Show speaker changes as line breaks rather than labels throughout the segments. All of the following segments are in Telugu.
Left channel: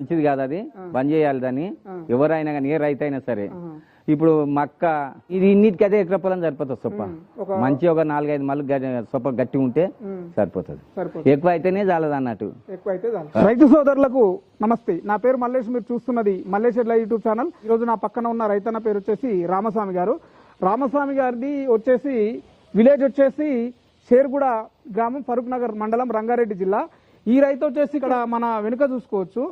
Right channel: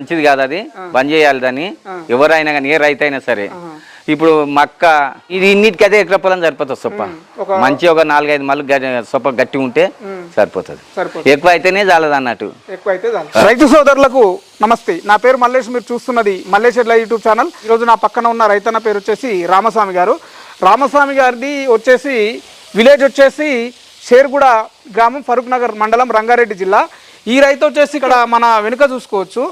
మంచిది కాదు అది. బంద్ చేయాలి దాన్ని. ఎవరైనా కానీ ఏ రైతు అయినా సరే ఇప్పుడు మక్క ఇది ఇన్నిటికి అదే ఎకర పొలం సరిపోతుంది సొప్ప. మంచి ఒక నాలుగైదు మళ్ళీ సొప్ప గట్టి ఉంటే సరిపోతుంది. ఎక్కువ అయితేనే చాలదు అన్నట్టు.
రైతు సోదరులకు నమస్తే. నా పేరు మల్లేష్. మీరు చూస్తున్నది మల్లేష్ ఎడ్ల యూట్యూబ్ ఛానల్. ఈరోజు నా పక్కన ఉన్న రైతన్న పేరు వచ్చేసి రామస్వామి గారు. రామస్వామి గారిది వచ్చేసి విలేజ్ వచ్చేసి షేర్గూడ గ్రామం ఫరూక్ నగర్ మండలం రంగారెడ్డి జిల్లా. ఈ రైతు వచ్చేసి ఇక్కడ మన వెనుక చూసుకోవచ్చు.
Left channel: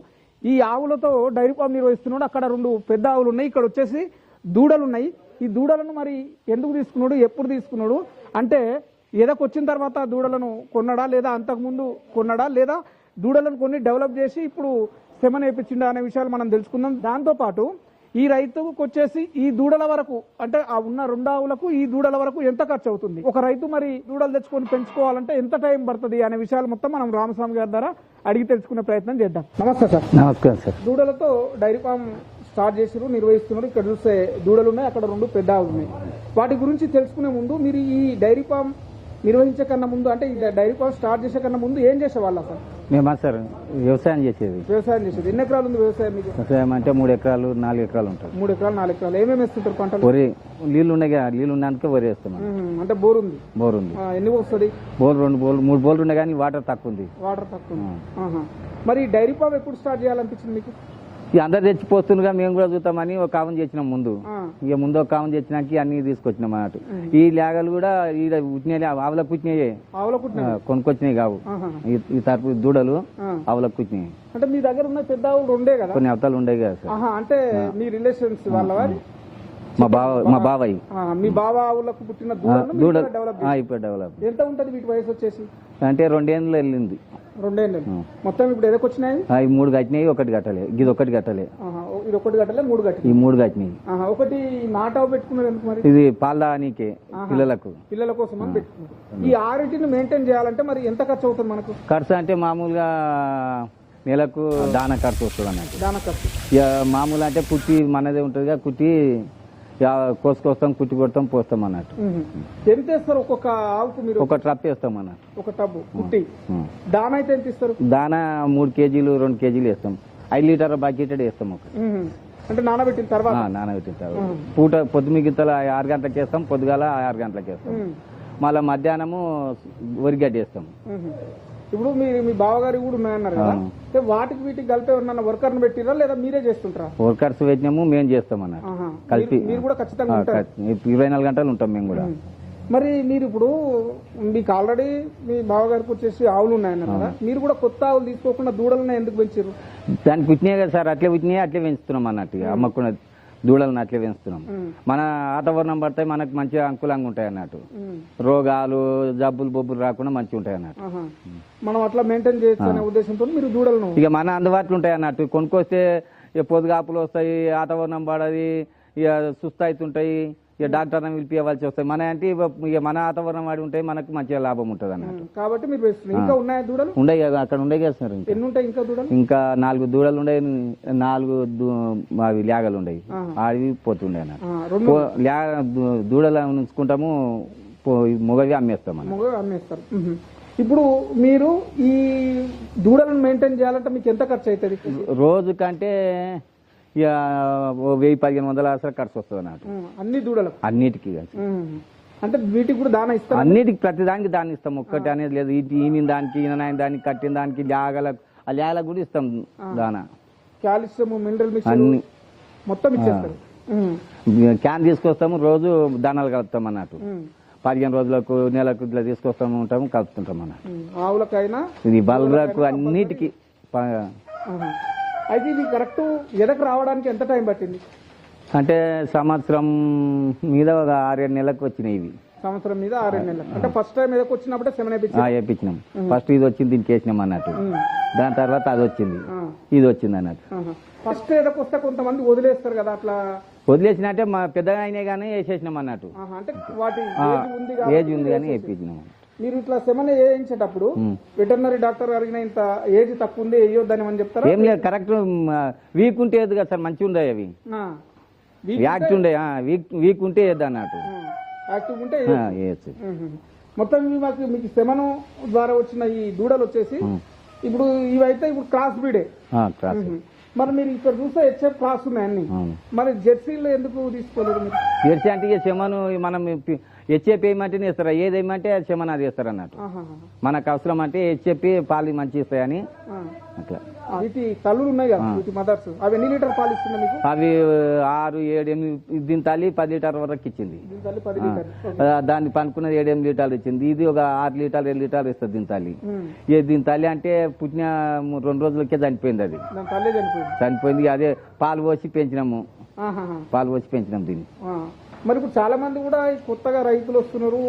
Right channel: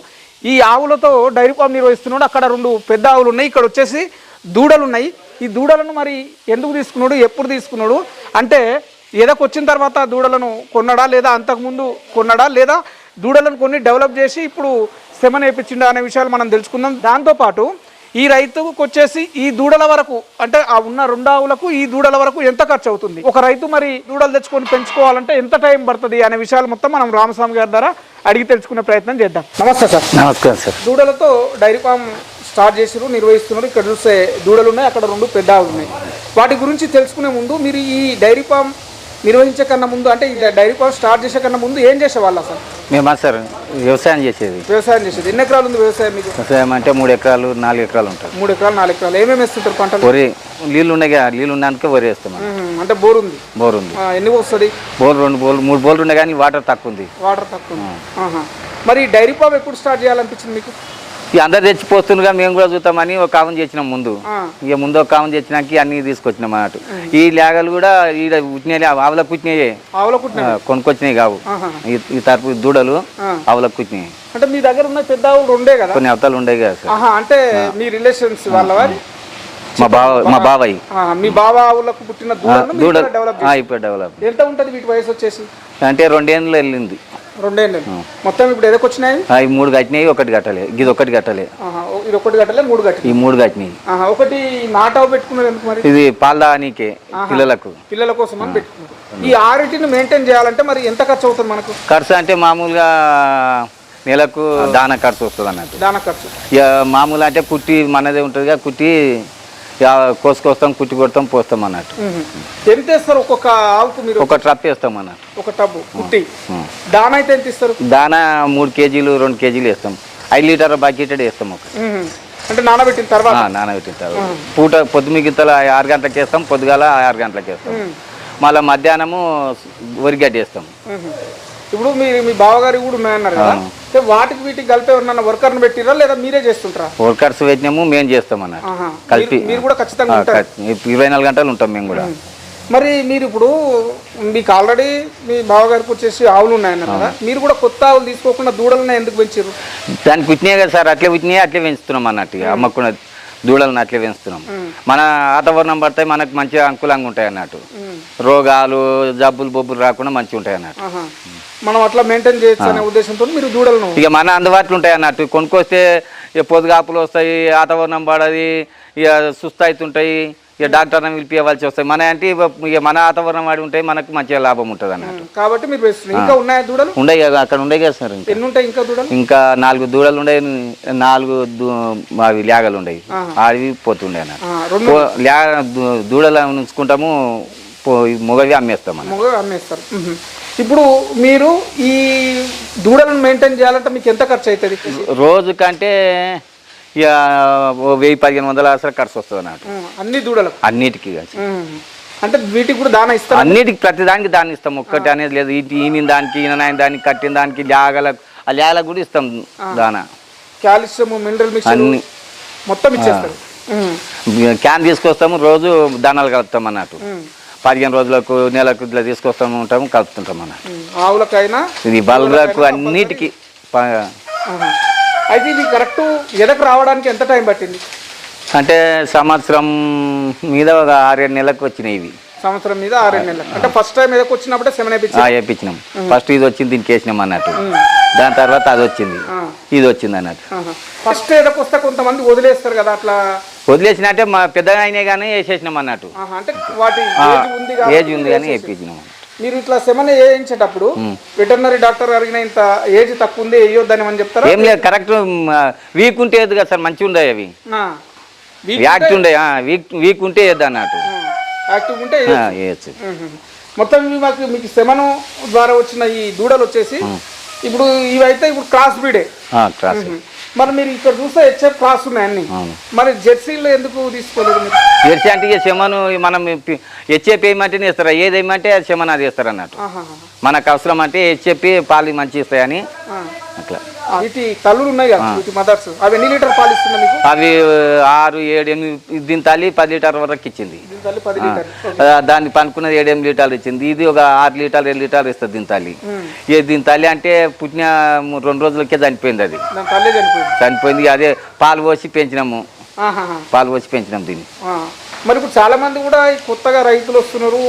ఈ ఆవులతో డైరీ ఫామ్ నిర్వహిస్తున్నాడు. అక్కడ రెండు పెద్ద ఆవులు ఉన్నాయి. ఇక్కడ వచ్చేసి దూడలు ఉన్నాయి. ఈ దూడలను మరి ఎందుకు తీసుకున్నాడు? ఎప్పుడు తీసుకున్నాడు? అంటే ఏదో వచ్చిన తర్వాత దూడలను కొన్నాడా? లేదా అంతకుముందు కొన్నాడా? లేదా దూడలను కొన్ని డెవలప్ చేసి ఇప్పుడు శ్రమ నేర్పించిండా అనే విషయాలు మనం తెలుసుకుందాం. దాంతోపాటు ఈ రైతుకు వచ్చేసి ఈ దూడల వరకు అంటే ఆ ఉన్న రెండు ఆవులకు ఈ దూడల వరకు ఎంత ఖర్చు అవుతుంది ఒక రైతు మరి దూడలు తెచ్చుకొని పెంచుకోవాలంటే ఎంత టైం పడుతుంది అనే విషయాలు మొత్తం మనం రామస్వామి గారి ద్వారా అడిగి తెలుసుకునే ప్రయత్నం చేద్దాం. నమస్తే సార్.
నమస్కారం సార్.
దూడలతో డైరీ ఫామ్ స్టార్ట్ చేసిరు నిర్వహిస్తున్నారు. ఇక్కడ చూస్తే దూడలు ఉన్నాయి అక్కడ రెండు పెద్ద ఆవులు ఉన్నాయి వాటి గురించి తెలుసుకునే ముందు మీరు ఈ డైరీ ఫామ్ నిర్వహించే కన్నా ముందు అంటే ఈ డైరీ ఫామ్ స్టార్ట్ చేసే కన్నా ముందు ఏం చేసేవాళ్ళ సార్
మేమా సార్ వ్యవసాయం చేసేది.
వ్యవసాయం చేసేది. ఎన్ని ఎకరాలు ఉంది వ్యవసాయం మీకు?
వ్యవసాయం అంటే మూడు ఎకరాలు నాలుగు ఎకరాలు ఉంటుంది
మూడు ఎకరాలు నాలుగు ఎకరాలు. ఏమేమి వేస్తుంటారు పంటలు?
వరి నీళ్ళు ఉన్నాయి నీళ్ళు ఉండడానికి వరి వేస్తాం.
అంటే బోర్ ఉంది.
బోర్ ఉంది.
ఎన్ని వస్తుంది
బోర్ రెండు బోర్లు మూడు బోర్లు ఉన్నాయి కానీ వాటర్ తక్కువ ఉంది.
వాటర్ తక్కువ. మరి డైరీ ఫామ్ ఎప్పుడు స్టార్ట్ చేయాలనిపించింది మీకు?
ఇక అందరు తెచ్చిపోతుండగా మేము కూడా చూద్దామని ఒక కావం చేసినాం ముందు. ఇక ముందు ఒక కావం తెచ్చినాక అన్ని తీసుకొచ్చినాం అన్నట్టు. ఈ లేగలు కూడా ఈడ పుట్టినాయి ఆవుల పుట్టినాయే. కొనుక్కొచ్చినాయి కావు. ఈ- తరపు దూడలు. ఆవులకు పుట్టినాయి.
అంటే మీ దగ్గర ఉన్న పెద్ద ఆవులు రెండే కదా?
కొన్ని అవతలు ఉండేవి కదా
అంటే మీ రిలేషన్స్ వాళ్ళ
మా బావ మా బాబాయ్
మీ బాబా ఆవులకు పుట్టిన
ఆ, ఇప్పుడు డెవలప్
ఎంత ఉంటుంది వీటి వయసు వచ్చేసి?
అంటే రెండేళ్ళు వెళ్ళింది.
రెండేళ్ళు. మొత్తం ఇప్పుడు ఎదకు వచ్చినాయి
మూడు కట్టినాయి ఒకటి కట్టలే. ఇది ఒకటి కట్టలే.
ఇది ఒకటి గట్టలే మూడు గట్టి
ఈ మూడు కట్టినాయి.
ఒకటి నాటావు పెట్టుకున్నారు ఎందుకు మరి?
ఇది పాలదానికే పిల్లలకు.
పిల్లల కోసం అని పెట్టుకున్నారు. ఈ ఆరిటిని మెయింటైన్ చేయాలంటే మరి ఎంత ఖర్చు అవుతుంది మనకు?
ఖర్చు అంటే మామూలుగా నెలకు దాన ఖర్చు వస్తుంది అన్నట్టు
దాన ఖర్చు.
ఇక మామూలు అంటే కుట్టి మనదే ఉంటుందిగా కుట్టి కోసుకొస్తాం కుట్టి కొడతాం పోస్తాం అన్నట్టు.
ఎంత ఇస్తారు ఒక్కొక్క ఆవుకు మీరు?
ఒక ట్రప్ వేస్తాం అన్నట్టు.
ఒక టబ్బు కుట్టి. దాన అయితే ఎంత ఇస్తారు?
దానా మూడు కేజీలు రెండు కేజీలు వేస్తాం. ఐదు లీటర్ బకెట్ వేస్తాం ఒక.
అంటే నానబెట్టిన తర్వాత?
నానబెట్టిన తర్వాత. పూట పొద్దు మిగతల ఆరు గంటలకు వేస్తాం పొద్దుగాల ఆరు గంటలకు వేస్తాం. మళ్ళీ మధ్యాహ్నము వరిగడ్డి వేస్తాం.
ఇప్పుడు మీరు మీ బావగారి కూడా ఉన్నాయన్నారు కదా. అంటే వాటికి వీటికి కలిపి ఎవరన్నా వర్కర్ని పెట్టిరా లేదా మీరే చేస్తుంటారా?
వర్కర్స్ పెట్టినాము మేము చేస్తాం అన్నట్టు
ఆహా.
కలిపి
మీరు- కూడా ఖచ్చితంగా
ఇరవై నాలుగు గంటలు ఉంటాం మేము కూడా.
మరి మీరు ఇప్పుడు మీకు ఆల్రెడీ మీ బావగారికి వచ్చేసి ఆవులు ఉన్నాయన్నారు కదా. మీరు కూడా కొత్త ఆవులు తీసుకోకుండా దూడలను ఎందుకు పెంచారు
దానికి పుట్టినాయి కదా సార్ అట్లే పుట్టినాయి అట్లే పెంచుతున్నాం అన్నట్టు ఇక అమ్మకున్న దూడలను అట్లే పెంచుతున్నాం మన వాతావరణం పడితే మనకు మంచిగా అనుకూలంగా ఉంటాయి అన్నట్టు. రోగాలు జబ్బులు బొబ్బులు రాకుండా మంచిగా ఉంటాయి అన్నట్టు.
మనం అట్లా మెయింటైన్ చేయొచ్చు అనే ఉద్దేశంతో మీరు దూడలను
ఇక మన అందుబాటులో ఉంటాయి అన్నట్టు. కొనుక్కొస్తే ఇక పొదుగాపులు వస్తాయి వాతావరణం పడది ఇక సుస్థ అవుతుంటాయి ఇక డాక్టర్ని పిలిపివ్వాల్సి వస్తాయి. మన అంటే ఇక- మన వాతావరణం వాడి ఉంటాయి మనకు మంచిగా లాభం ఉంటుంది అన్నట్టు
కాబట్టి మీరు ఇంకా ఉన్నాయా దూడలు?
ఉండే కదా అక్కడ ఉండే కదా సార్ ఇంకా.
ఎన్ని ఉంటాయి ఇంకా దూడలు?
ఇంకా నాలుగు దూడలు ఉండే నాలుగు దూ- అవి లేగలు ఉండేవి అవి పోతుండే అన్నట్టు.
ఆ, రెండు
పో- లే దూ- దూడలు ఉంచుకుంటాము పో- మొగవి అమ్మేస్తాం అన్నట్టు.
మొగ అమ్మేస్తారు. మ్మ్. ఇప్పుడు మీరు ఈ దూడలను మెయింటైన్ చేయాలంటే మీకు ఎంత ఖర్చు అవుతుంది?
రోజు కంటే ఇక వెయ్యి పదిహేను వందల అసలు ఖర్చు వస్తుంది అన్నట్టు.
అన్ని దూడలకు?
అన్నిటికీ కలిసి.
అంటే వీటికి కూడా దాన ఇస్తారు?
అన్నిటికి ప్రతి దానికి దాన్ని ఇస్తాం. ఒక్కటి అనేది లేదు. ఈయన దానికి ఈయన దానికి కట్టిన దానికి లేగలకు ఆ లేగలకు కూడా ఇస్తాం దానా.
కాల్షియం మినరల్ మిక్స్
అన్ని.
మొత్తం ఇచ్చేస్తారు. మ్మ్.
క్యాన్ తీసుకొస్తాము రోజు దానాలు కలుపుతాం అన్నట్టు. పదిహేను రోజులకు నెలకు ఇట్లా తీసుకొస్తాము ఉంటాము కలుపుతుంటాం అన్నట్టు.
ఆవులకైనా
ఇది బల్లకు అన్నిటికీ.
అయితే ఇది కరెక్ట్ ఎదకు రావడానికి ఎంత టైం పట్టింది?
అంటే సంవత్సరం మీద ఒక ఆరేడు నెలలకు వచ్చినాయి ఇవి.
సంవత్సరం మీద ఆరేడు నెలలు అంటే ఫస్ట్ టైం ఎదకు వచ్చినప్పుడే సెవెన్
వేయించినాం ఫస్ట్ ఇది వచ్చింది దీనికి వేసినాం అన్నట్టు. దాని తర్వాత అది వచ్చింది. ఇది వచ్చింది అన్నట్టు.
ఫస్ట్ ఎదకు వస్తే కొంతమంది వదిలేస్తారు కదా అట్లా?
వదిలేసినట్టే మా పెద్దగా అయినాయి కానీ వేసేసినాం అన్నట్టు.
అంటే వాటి ఏజ్ ఉంది
కానీ వేయించినాం
మీరు ఇట్లా సెమన్ వేయించేటప్పుడు వెటర్నరీ డాక్టర్ అడిగిన ఇంత ఏజ్ తక్కువ ఉంది వేయొద్దని అని చెప్తారా?
ఏం లేదు కరెక్ట్ వీక్ ఉంటే ఏది కదా సార్ మంచిగా ఉండవు అవి. యాక్ట్ ఉండే వీక్ వీక్ ఉంటే వేద్దు అన్నట్టు.
యాక్టివ్ ఉంటే
వేయచ్చు.
మొత్తం మాకు మీకు సెమను ద్వారా వచ్చిన ఈ దూడలు వచ్చేసి ఇప్పుడు ఇవైతే ఇప్పుడు క్రాస్ బ్రీడే
క్రాస్
మరి మీరు ఇక్కడ చూస్తే హెచ్ఎఫ్ క్రాస్ ఉన్నాయి అన్ని
అవును.
మరి జెర్సీలో ఎందుకు తీసుకోలేదు మీరు
జెర్సీ అంటే ఇక శమను మనం హెచ్ఏపి వేయమంటేనే ఇస్తారు ఏది వేయమంటే అది శమన అది ఇస్తారు అన్నట్టు. మనకు అవసరం అంటే హెచ్ఏపి పాలు మంచి ఇస్తాయని. అట్లా.
వీటి తల్లులు ఉన్నాయి కదా వీటి మదర్స్ అవి ఎన్ని లీటర్ పాలు మీకు?
అవి ఆరు ఏడు ఎనిమిది దీని తల్లి పది లీటర్ వరకు ఇచ్చింది.
దీని తల్లి పది లీటర్
దాన్ని పనుకున్నది ఏడు ఎనిమిది లీటర్లు ఇచ్చింది. ఇది ఒక ఆరు లీటర్లు ఏడు లీటర్లు ఇస్తుంది దీని తల్లి. ఇక దీని తల్లి అంటే పుట్టిన రెండు రోజులకే చనిపోయింది అది.
తల్లి చనిపోయింది.
అదే పాలు పోసి పెంచినాము. పాలు పోసి పెంచినాం దీన్ని.
మరి ఇప్పుడు చాలా మంది కూడా కొత్తగా రైతులు వస్తున్నారు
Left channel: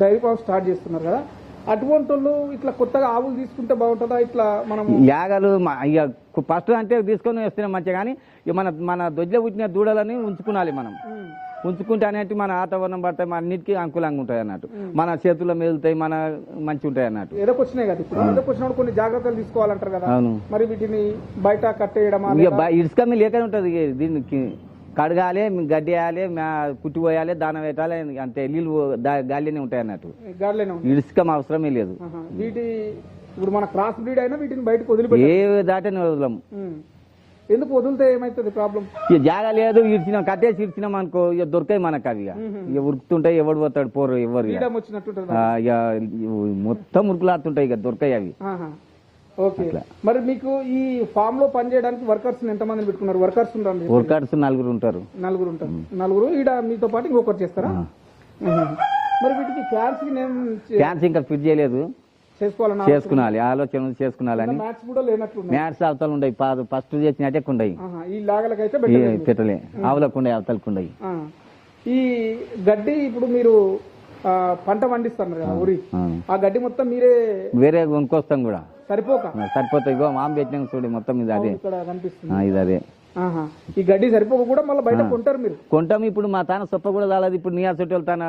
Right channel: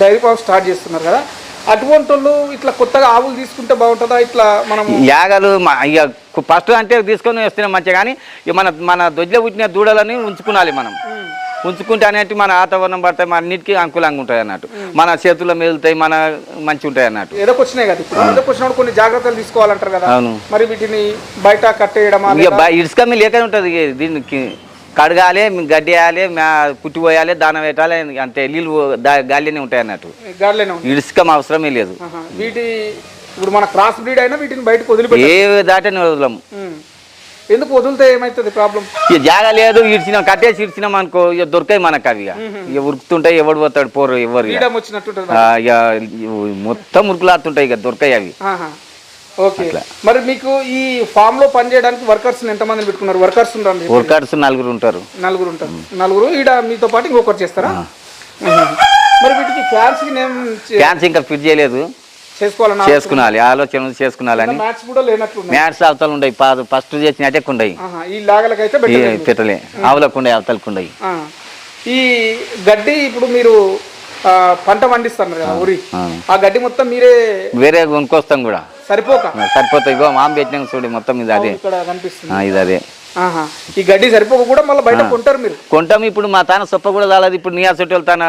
డైరీ ఫామ్ స్టార్ట్ చేస్తున్నారు కదా. అటువంటి వాళ్ళు ఇట్లా కొత్తగా ఆవులు తీసుకుంటే బాగుంటుందా? ఇట్లా మనం
యాగలు ఇక ఫస్ట్ అంటే తీసుకొని వస్తున్నాం మంచిగా కానీ మన మన దొడ్లో పుట్టిన దూడలని ఉంచుకునాలి మనం. ఉంచుకుంటే అనేటి మన వాతావరణం పడతాయి మన అన్నిటికీ అనుకూలంగా ఉంటాయి అన్నట్టు. మన చేతుల్లో మెదులుతాయి మన మంచి ఉంటాయి అన్నట్టు
ఎదకొచ్చినాయి కదా ఇప్పుడు? ఎదకొచ్చినప్పుడు కొన్ని జాగ్రత్తలు తీసుకోవాలంటారు కదా?
అవును.
మరి వీటిని బయట
బ- ఇసుక మీ లేక ఉంటుంది దీనికి. కడగాలి గడ్డి వేయాలి పుట్టి పోయాలి దాన పెట్టాలి అంతే నీళ్ళు గాలినే ఉంటాయి అన్నట్టు.
ఉంది
ఇసుక అవసరమే లేదు.
వీటి ఇప్పుడు మన క్రాస్ బ్రీడ్ అయినా వీటిని బయటకు వదిలిపెట్టి
ఏ దాటని వదలము
ఎందుకు వదిలితే ఏమవుతుంది ప్రాబ్లం?
ఇక జాగా లేదు ఇడిచినాం కట్టేసి ఇడిచినాం అనుకో ఇక దొరకాయి మనకు అవి ఇక ఉరుకుతుంటాయి ఎవడు పోతాడు పోరు ఎవరు ఇక. మొత్తం ఉరుకులాడుతుంటాయి ఇక దొరకాయి అవి.
ఓకే. మరి మీకు ఈ ఫామ్లో పనిచేయడానికి వర్కర్స్ ఎంతమంది పెట్టుకున్నారు? వర్కర్స్ ఉన్నారు
వర్కర్స్ నలుగురు ఉంటారు.
నలుగురు ఉంటారు. నలుగురు ఈడ మీతో పాటు ఇంకొకరు చేస్తారా. మరి వీటికి ఫ్యాన్స్
ఫ్యాన్స్ ఇంకా ఫిట్ చేయలేదు.
చేసుకోవాలన్నా
చేసుకునాలి ఆలోచన ఉంది, చేసుకునాలని.
మ్యాచ్ కూడా
మ్యాట్స్ అవతలు ఉండయి ఫస్ట్ చేసిన ఉండయి
ఆహా. ఈ లాగలకైతే
పెట్టలే. ఆవులకు ఉండయి అవతలకు ఉండయి.
ఈ గడ్డి ఇప్పుడు మీరు పంట పండిస్తారు కదా ఊరి.
ఆ.
ఆ గడ్డి మొత్తం మీరే
వేరే కొనుక్కొస్తాం కూడా.
సరిపోక?
సరిపోతాయి. ఇగో మామ పెట్టినాం చూడు మొత్తం ఇది అదే.
ఇక్కడ కనిపిస్తుంది.
ఆ, ఇది అదే.
ఆహా. ఈ గడ్డి సరిపోక కూడా మళ్ళీ బయట కొంటారు మీరు?
కొంటాం. ఇప్పుడు మా తాన సొప్ప కూడా చాలదు ఇప్పుడు నీ అసలు వాళ్ళ తాన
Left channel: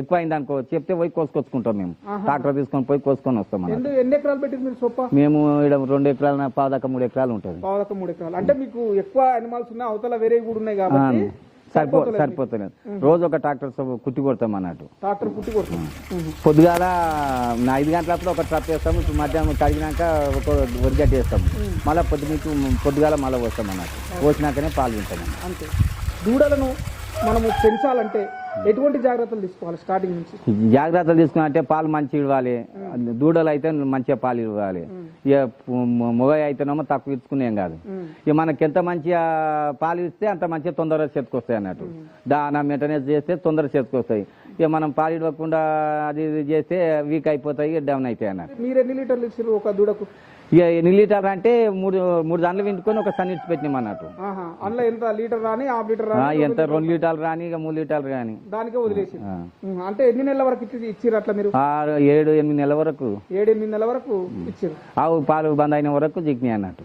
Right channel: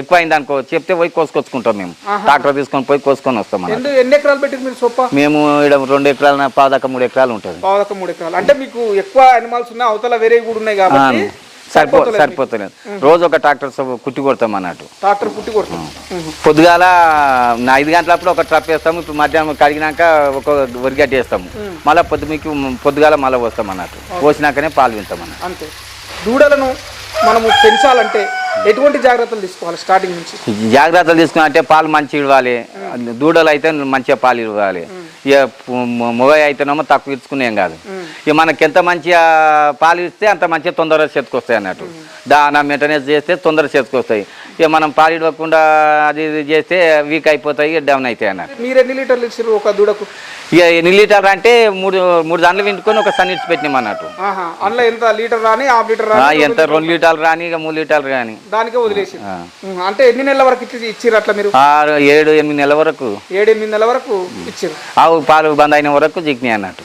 ఎక్కువ అయింది అనుకో చెప్తే పోయి కోసుకొచ్చుకుంటాం మేము. ట్రాక్టర్ తీసుకొని పోయి కోసుకొని వస్తాం మనం
ఎన్ని ఎన్ని ఎకరాలు పెట్టింది మీరు సొప్ప?
మేము ఇక్కడ రెండు ఎకరాల పాదాక మూడు ఎకరాలు ఉంటుంది.
పావుదక్క మూడు ఎకరాలు. అంటే మీకు ఎక్కువ అనిమల్స్ ఉన్నాయి అవతల వేరే కూడా ఉన్నాయి కాబట్టి
సరిపో సరిపోతలేదు. రోజు ఒక ట్రాక్టర్ కుట్టి కొడతాం అన్నట్టు.
ట్రాక్టర్ పుట్టి కొడుతుంది మ్మ్.
పొద్దుగాల ఐదు గంటలప్పుడు ఒక ట్రప్ వేస్తాము ఇప్పుడు మధ్యాహ్నం కడిగినాక ఒక వరిగడ్డి వేస్తాము. మళ్ళీ పొద్దు మీకు పొద్దుగాల మళ్ళీ పోస్తాం అన్నట్టు. పోసినాకనే పాలు వింటాం అన్నట్టు.
అంతే. దూడలను మనము పెంచాలంటే ఎటువంటి జాగ్రత్తలు తీసుకోవాలి స్టార్టింగ్ నుంచి?
జాగ్రత్తలు తీసుకుని అంటే పాలు మంచి ఇవ్వాలి. దూడలు అయితే మంచిగా పాలు ఇవ్వాలి. ఇక మొగ అయితేనేమో తక్కువ ఇచ్చుకునేం కాదు. ఇక మనకి ఎంత మంచిగా పాలు ఇస్తే అంత మంచిగా తొందరగా చేతికొస్తాయి అన్నట్టు. దానా మెయింటెనెన్స్ చేస్తే తొందరగా చేతికొస్తాయి. ఇక మనం పాలు ఇవ్వకుండా అది ఇది చేస్తే వీక్ అయిపోతాయి డౌన్ అవుతాయి అన్నట్టు.
మీరు ఎన్ని లీటర్లు ఇచ్చారు ఒక దూడకు?
ఇక ఎన్ని లీటర్ అంటే మూడు మూడు దాంట్లో వింటుకొని ఒక సన్ ఇచ్చి పెట్టినాం అన్నట్టు.
అందులో ఎంత లీటర్ రాని హాఫ్ లీటర్ రాని
ఎంత రెండు లీటర్లు రాని ఇక మూడు లీటర్లు రాని.
దానికే వదిలేసి. అంటే ఎన్ని నెలల వరకు ఇచ్చి ఇచ్చిర్రు అట్లా మీరు?
ఏడు ఎనిమిది నెలల వరకు.
ఏడు ఎనిమిది నెలల వరకు ఇచ్చారు
ఆవు పాలు బంద్ అయిన వరకు జిగ్ని అన్నట్టు.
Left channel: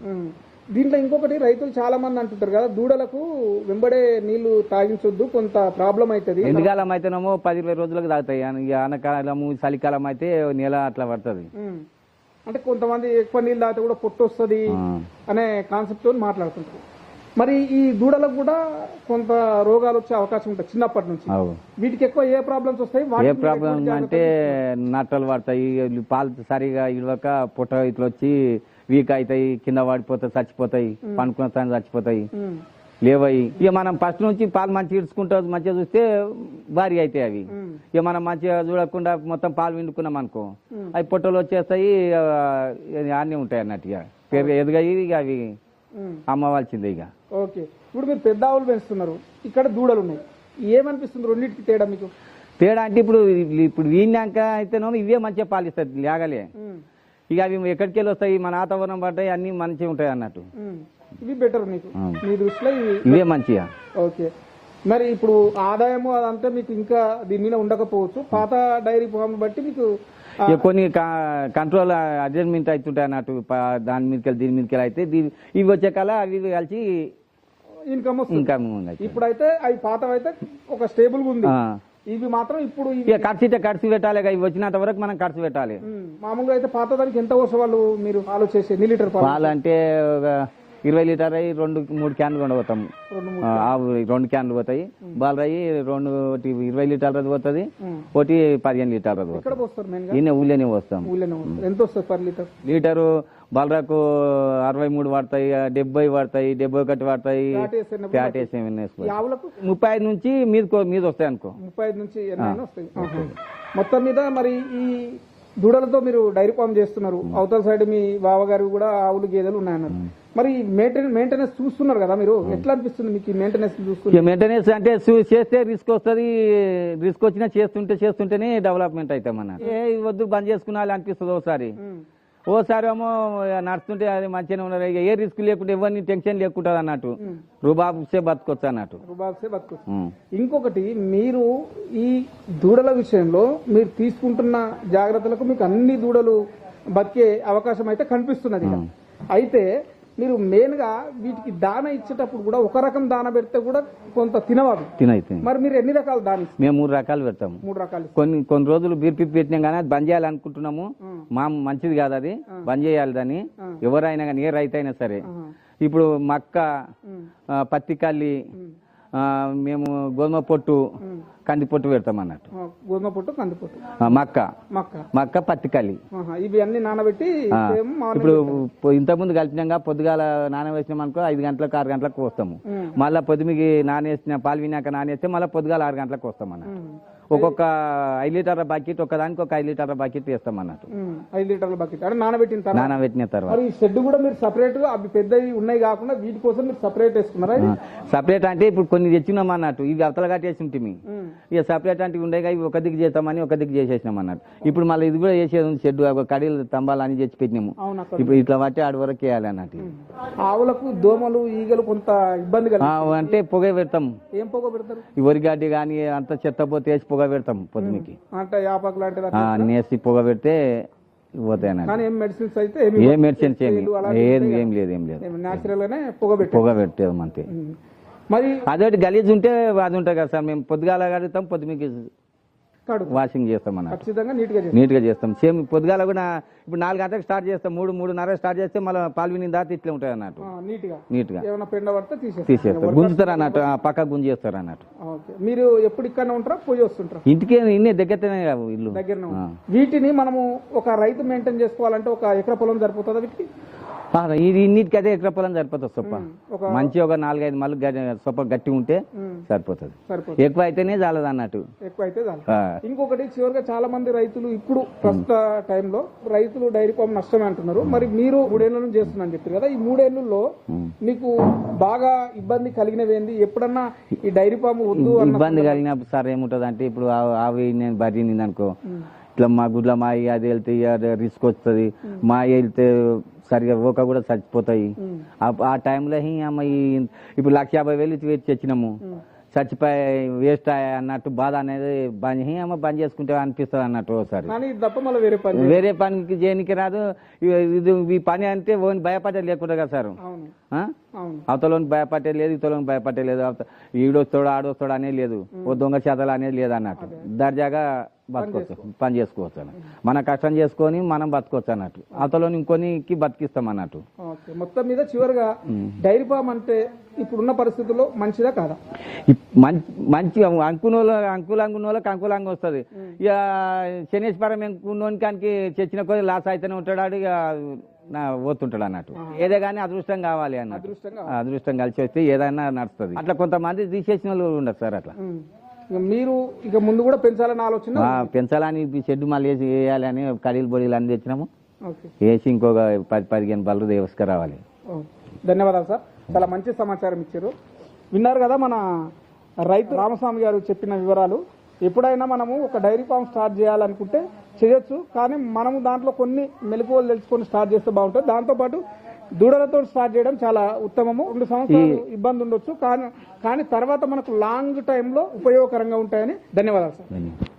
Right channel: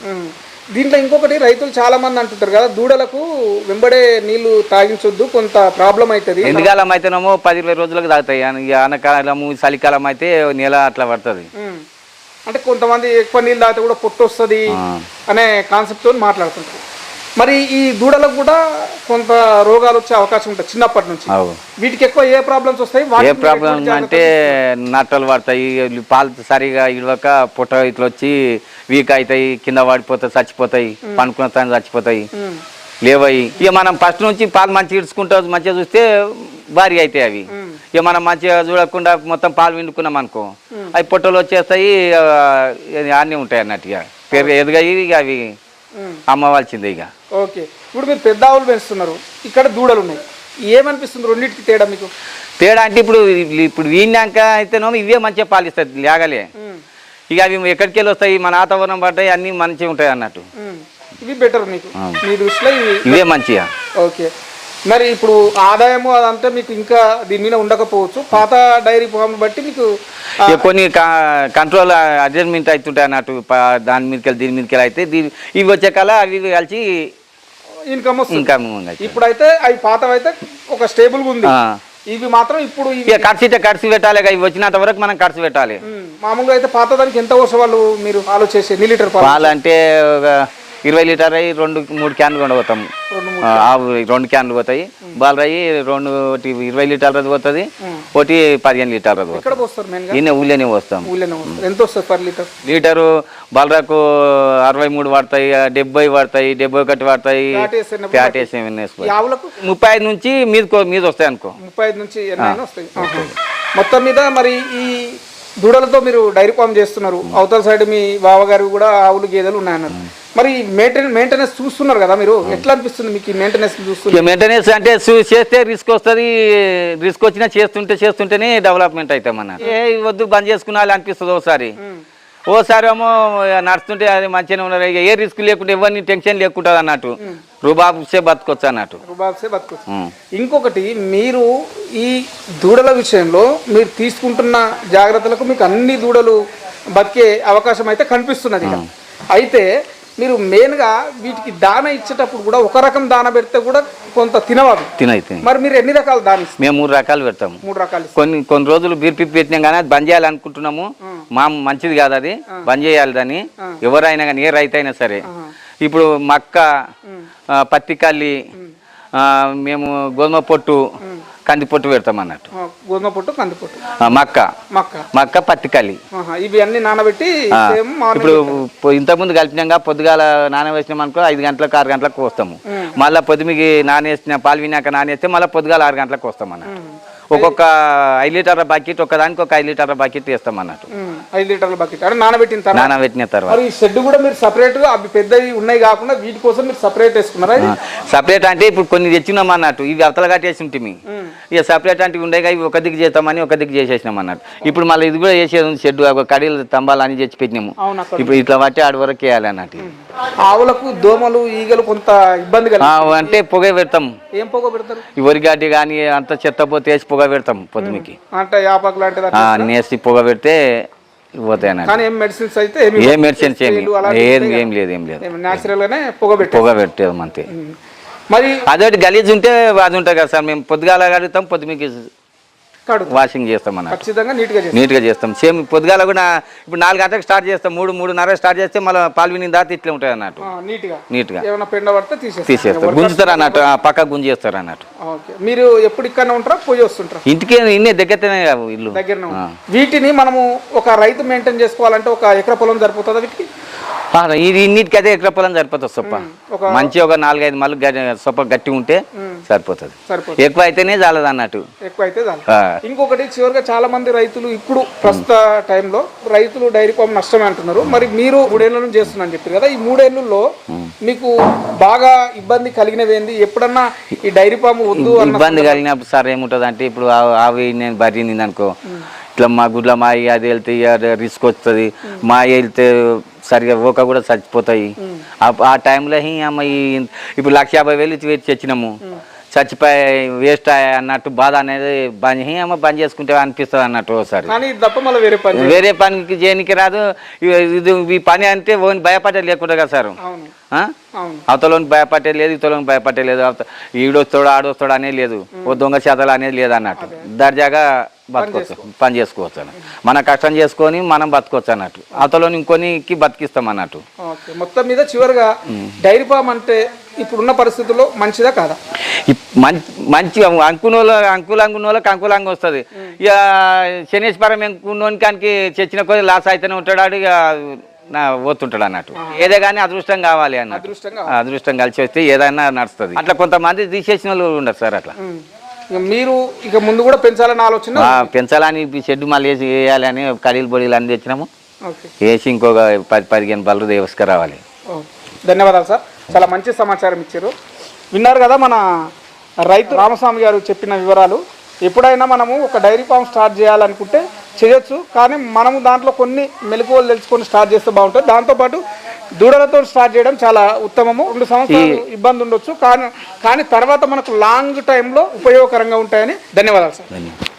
దీంట్లో ఇంకొకటి రైతులు చాలా మంది అంటుంటారు కదా దూడలకు వెంబడే నీళ్ళు తాగించొద్దు కొంత ప్రాబ్లం అవుతుంది
ఎండకాలం అయితేనేమో పది ఇరవై రోజులకు తాగుతాయి. అన- ఇక ఆనకాలము చలికాలం అయితే నెల అట్లా పడుతుంది.
అంటే కొంతమంది ఎక్కువ నీళ్ళు తాగితే కూడా పొట్టు వస్తుంది అనే కాన్సెప్ట్తో మాట్లాడుతుంటారు మరి ఈ దూడలకు కూడా కొంత రోగాలు వచ్చే అవకాశం ఉంటుంది చిన్నప్పటి నుంచి. వీటికి ఎక్కువ ఏ ప్రాబ్లమ్స్ వస్తాయి?
ఏ
వాటికి
ప్రాబ్లం
ఎటువంటి
అంటే నట్టలు పడతాయి పాలు సరిగా ఇడవక పుట్ట ఇట్లా వచ్చి వీక్ అవుతాయి కింద పడిపోతాయి చచ్చిపోతాయి పనుకున్న తాను చచ్చిపోతాయి. లేవయి. ఇక మనం ఫస్ట్ నుంచి పాలు మంచిగా ఇడుచుకుంటా మంచిగా చూస్తే భారీ అవుతాయి అవి. ఇక మనం మంచిగా చూడకుండా మొత్తం పాలు విండుకున్నాం అనుకో. అవి పొట్టలు వచ్చేస్తాయి అన్నీ ఉంటాయి అన్నట్టు ఇక. పెరుగు ఎదుగాయి ఇక అవి
మ్మ్.
అమ్మవలసిందే ఇక.
ఓకే. ఇప్పుడు మీరు పెద్ద ఆవులు పెంచుతున్నారు. ఇక్కడ దూడలు ఉన్నాయి. ఏమనిపిస్తుంది రెండింటికి తేడా మీకు?
తేడా అంటే ఇప్పుడు ఇప్పుడు వీణాక అయితేనేమో ఇవే మంచిగా పాలిస్తాయి లేగలే.
మ్మ్.
ఇక అవి ఎక్కడికి వెళ్ళి వస్తాయి మన వాతావరణం పడ్డాయి అన్నీ మంచిగా ఉంటాయి అన్నట్టు.
ఇవి బెటర్ మీకు. మీ దృష్టిలో ఇవి.
ఇవే మంచిగా
ఓకే. మరి ఇప్పుడు ఆదాయము అదంతా మీకు ఇంకా దీని మీద ఉండకపోవచ్చు. పాత డైరీ ఫామ్ బట్టి మీకు
కొన్ని కంట్రోల్ అడ్జస్ట్మెంట్ అవుతుంటాయి అన్నట్టు దాని మీదకి దీని మీదకి అయితే దీని ఇవి వచ్చే కల అవి కలిసి
ఇన్కమ్
ఉంది
ఇప్పుడైతే అవి పాతవైతే ఒక స్టేబుల్ ఉంది. ఇవి మాత్రం ఇప్పుడు
ఖర్చు అయితే ఖర్చు పెట్టాలి ఇవి వచ్చినంత వరకు మనం ఖర్చు పెట్టాలి.
మ్మ్. మామూలుగా అయితే పాతదానికి ఎంత వర్షం వాళ్ళు మీరు ఆలోచించి ఎన్ని లీటర్ పాలు?
అంటే ఒక ఇరవై లీటర్ అయ్యి రెండు మూడు క్యాన్లు కూడా పోతాం
రెండు
ఆ, ఆవు రెండు క్యాన్లు పోతాయి. బాలరాయి రెండు ఒకటి ఇరవై లీటర్లది పోతుంది. ఒకటి పదిహేను పోతుంది
ఎక్కడ పోస్తారు మెయిన్గా
ఈయన ఊళ్ళోనే
పోస్తారు. ఎంత వస్తుంది పర్ లీటర్?
లీటరు బలరాకు అరవై మూడు పడతాయి డెబ్బై పడతాయి డెబ్బై ఒకటి పడతాయి.
ఆవులకు?
ముప్పై ఐదు నుంచి మీద మీద వస్తాయి అనుకో.
ముప్పై ఐదు నుంచి. మొత్తం మీద మరి ఈ దూడలతో మీరు డైరీ ఫామ్ చేస్తున్నారు. అవతల సైడ్ మీ బావగారు కూడా ఆవులు గేదెలు ఉన్నాయన్నారు. మరి మెయింటెనెన్స్ మెయింటెనెన్స్ చూస్తున్నారు కదా మీరు? ఎట్లా అనిపిస్తుంది మీకు మెయింటెనెన్స్ చూస్తున్నారు?
ఇక మెయింటెనెన్స్ అంటే చేస్తే రిస్క్ వస్తుంది రిస్క్ వచ్చినా చేస్తుంటే చేస్తుంటేనే డెవలప్మెంట్ అవుతాం అన్న ఏ వద్దు బంద్ చేసుకున్నాలి అనిపిస్తుంది ఒకసారి ఓసారి ఏమో నడుస్తుంటే అది మంచిగానే ఉన్నారు ఇక ఏ రిస్క్ లేకుండా ఎవరిని టెన్షన్ లేకుండా అన్నట్టు. రూబాబుసే బతకొచ్చు అన్నట్టు.
రుబాబ్సే బతుకొచ్చు. ఇంకొకటి మీరు ఈ దూడల విషయంలో మీరు తీసుకుంటున్న జాగ్రత్తలకు మీకు అన్ని దూడలు బతికే అవకాశం అయితే కనిపిస్తున్నది. అయితే మీరు మెయిన్గా వీటికి దాన ఇచ్చేటప్పుడు కూడా ఒక రకం దాన పెడితే కూడా కొంత తినవాలి
తినయి తిని
మరి మీరు ఎన్ని రకాల దాన
మేము మూడు రకాలు పెడతాము
మూడు రకాలు
కొన్ని కొన్ని రోజులు బీర్పి పెట్టినాం కానీ అది బంద్ చేయాలనుకుంటున్నాము మా మంచిది కాదు అది. బంద్ చేయాలి దాన్ని. ఎవరైనా కానీ ఏ రైతు అయినా సరే ఇప్పుడు మక్క ఆ, పత్తి కల్లి ఆ, మేము గోధుమ పొట్టు కంది పొట్టు పెడతాం అన్నట్టు
గోధుమ పొట్టు కంది పొట్టు
మక్క.
మక్క.
మక్క పత్తి కల్లి
ఆహా, ఇవి అన్ని నానబెట్టి
ఇప్పుడు ఇంతకుముందు కలిపినాక పొద్దుగాల నానవేసినాం అనుకో ఐదు గంటలకు ఆరు గంటలకు వస్తాము మళ్ళీ పొద్దుమికి నానేసిన పాలు వినాక నానేస్తే మళ్ళీ పొద్దుగాల ఆరు గంటలకు వస్తాం అన్నట్టు ఒక్కొక్క ఐదు లీటర్ల బకెట్ ఒకదానికి ఒక ఐదు లీటర్ల బకెట్ వేస్తాం అన్నట్టు.
ఐదు లీటర్ల బకెట్. అంటే నానబెట్టిన తర్వాత
నానబెట్టిన తర్వాత.
మరి ఈ షెడ్ కూడా మీరు సపరేట్ అవి పెద్దవి ఉన్నాయి కాకుండా వీటి కోసం మీరు సపరేట్ వేసుకున్నారా?
సపరేట్ అంటే ఇప్పుడు కొన్ని తెచ్చినాం అన్నట్టు. ఇవి అవతల కట్టేసి ఉంటుంది ఇక సపరేట్ అంటే ఉండేగా ఇవి ఒక దిక్కు చేస్తామని ఒక దిక్కు చేసేసినాం అన్నట్టు. ఇప్పుడు మళ్ళీ ఇది కూడా చేసేది ఉంది షెడ్ కడీలు స్తంభాలు అని తెచ్చి పెట్టినాము. ఇప్పుడు ఇట్లా బట్టి ఆడి వరకు వేయాలి అన్నట్టు.
ఆవులకు దోమలు ఈగలు కొంత ఇబ్బంది
అంటే పొగ పెడతాం.
ఏం పొగ పెడతారు?
ఈ వరిగడ్డి కానీ అంత చెత్త పోతే వేసి పొగ పెడతాం పొద్దుమికి.
అంటే యాపాకు లాంటిది
ఆ, నేసి పొగ పెడితే పోతాయి అన్నట్టు
కానీ ఏం మెడిసిన్స్ అయితే ఏమి
ఏ మెడిసిన్స్ ఏమి
స్ప్రేలు అలాంటివి
ఏం
ఉంటాయి
ఏం లేదు ఏం లేదు.
గానే పొగ
పెట్టేది. అంతే.
మరి
అదొకటి గలీజ్ ఉంటే అది ఉంటుంది కదా సార్ మేము పొద్దుగాల కడుగుతాం పొద్దుమికి వాషింగ్ చేస్తాం అన్నట్టు
ఖచ్చితంగా నీట్గా చేస్తారు
నీట్గా చేస్తాం. సేమ్ పొద్దుగాల కూడా ఇప్పుడు నాలుగు గంటలకు స్టార్ట్ చేస్తాం. మూడు మూడున్నర స్టార్ట్ చేస్తే మళ్ళీ పాలు విని దాటి ఇట్లా ఉంటుంది అన్నట్టు.
నీట్గా
నీట్గా.
ఏమైనా పెండ పడితే తీసేస్తారు
తీసేస్తారు గుంజుతారు అన్నట్టు. పక్క గుంజేస్తారు అన్నట్టు.
మీరు ఎప్పుడు ఇక్కడ ఉంటారా? పోయి వస్తుంటారా?
ఇంటికి ఇన్నే దగ్గరనే ఇల్లు.
దగ్గరనే ఉంది. వీటిని మనము ఒక రైతు మెయింటైన్ చేసుకోవాలంటే ఒక ఎకర పొలం సరిపోతుందా వీటికి?
ఇది ఇన్నిటికి అదే ఎక్కడ పొలం సరిపోతుంది సొప్ప.
ఒక-
మంచి ఒక నాలుగైదు మళ్ళీ సొప్ప గట్టి ఉంటే సరిపోతుంది. ఎక్కువ అయితేనే చాలదు అన్నట్టు.
ఎక్కువ అయితే ఇంకొకటి చివరిగా చాలా మంది రైతులు ఇప్పుడు ప్రస్తుత టైంలో రైతులు డైరీ ఫామ్ నష్టమే అంటున్నారు. మరి మీరు మూడేళ్ళ నుంచి చేస్తున్నా చెప్పారు కదా ఈ మూడేళ్ళలో మీకు బాగా ఇబ్బంది కలిగినవి ఏంది? ఎప్పుడన్నా ఈ డైరీ ఫామ్ వద్దు
ఇబ్బంది కలిగినప్పుడు సార్ ఏముంటుంది అంటే ఇప్పుడు ఆవి నేను బరి అనుకో. ఇట్లా మా గుడ్ల మా అది వెళ్తే రిస్క్ వస్తుంది. మా వెళ్తే సరిగా ఓక కూడా చచ్చిపోతాయి. ఆ- టైంలో అమ్మ ఈ ఇప్పుడు లక్ష యాభై వేలు తెచ్చినాము. చచ్చిపోయి వేస్ట్ అన్నట్టు బాధ అనేది బంద్ అమ్మ బంద్ చేసుకుంటే అనిపిస్తుంది అన్నట్టు ఒకసారి
కానీ ఇది తప్ప మళ్ళీ వేరే పని
వేరే పనికి చేయనికి రాదు. ఇది ఈ పని అంటే ఓన్ భయపడే లేకుండా కదా సార్? అవతలోని భయపట్టే లేదు ఇతలోని భయపట్టే లేదు. ఈడొస్తాడు ఆడొస్తాడు అనేది లేదు. ఓ దొంగ చేతలు అనేది లేదు అన్నట్టు. దర్జాగా బతకొచ్చు. పని చేసుకోవచ్చు అన్నట్టు. మన కష్టం చేసుకొని మనం బతకొచ్చు అన్నట్టు. అవతలోని ఇంకొనికి బతికిస్తాం అన్నట్టు.
మొత్తం మీద చివరిగా డైరీ ఫామ్ అంటే ఇప్పుడున్న పరిస్థితుల్లో మంచిదా కాదా?
మంచి మంచి అంకునోళ్ళ అంకులంగునోళ్ళకి అంకులంగా వస్తుంది. ఇక శనేశ్వరం అంకునోనికి చచ్చిన కొద్ది లాస్ అయితేనే ఉంటాడు ఇక నా పోతుంటాడు అన్నట్టు. ఏదే కానీ అదృష్టం కావాలి
అదృష్టంగా
అదృష్టం కలిసి వస్తే ఏదైనా నడుస్తుంది. అట్లా కొంతమంది తీసేసిన వాళ్ళు ఉండరు సార్ అట్లా.
మీరు ఇక ముందు కూడా పెంచాలన్న ఆలోచన
పెంచాలని షెడ్ మళ్ళీ వేసి వేయాలని కడీలు బొడీలు అన్ని తెచ్చినాము. వేసి ఇంకొక పది పదిహేను బళ్ళు దేవసుకురావాలి
ధన్యవాదాలు సార్. చాలా మంచి సమాచారం ఇచ్చారు. విన్నారు కదా మన రైతు రామస్వామి గారు చెప్పిన వివరాలు. ఎప్పుడైనా మనము ఒక డైరీ ఫామ్ స్టార్ట్ చేయాలనుకుంటే చేయొచ్చు. కానీ మనము దాంట్లో కొన్ని మెలకువలు తెలుసుకొని స్టార్ట్ చేస్తే బాగుంటుంది. దాంతోపాటు దూడలతో స్టార్ట్ చేయడం చాలా ఉత్తమము. రెండు సంవత్సరాలు ఇబ్బంది ఉండొచ్చు. కానీ కానీ తర్వాత మనకు లాంగ్ టైంలో ఉపయోగకరంగా ఉంటాయని ధన్యవాదాలు సార్.
ధన్యవాదాలు.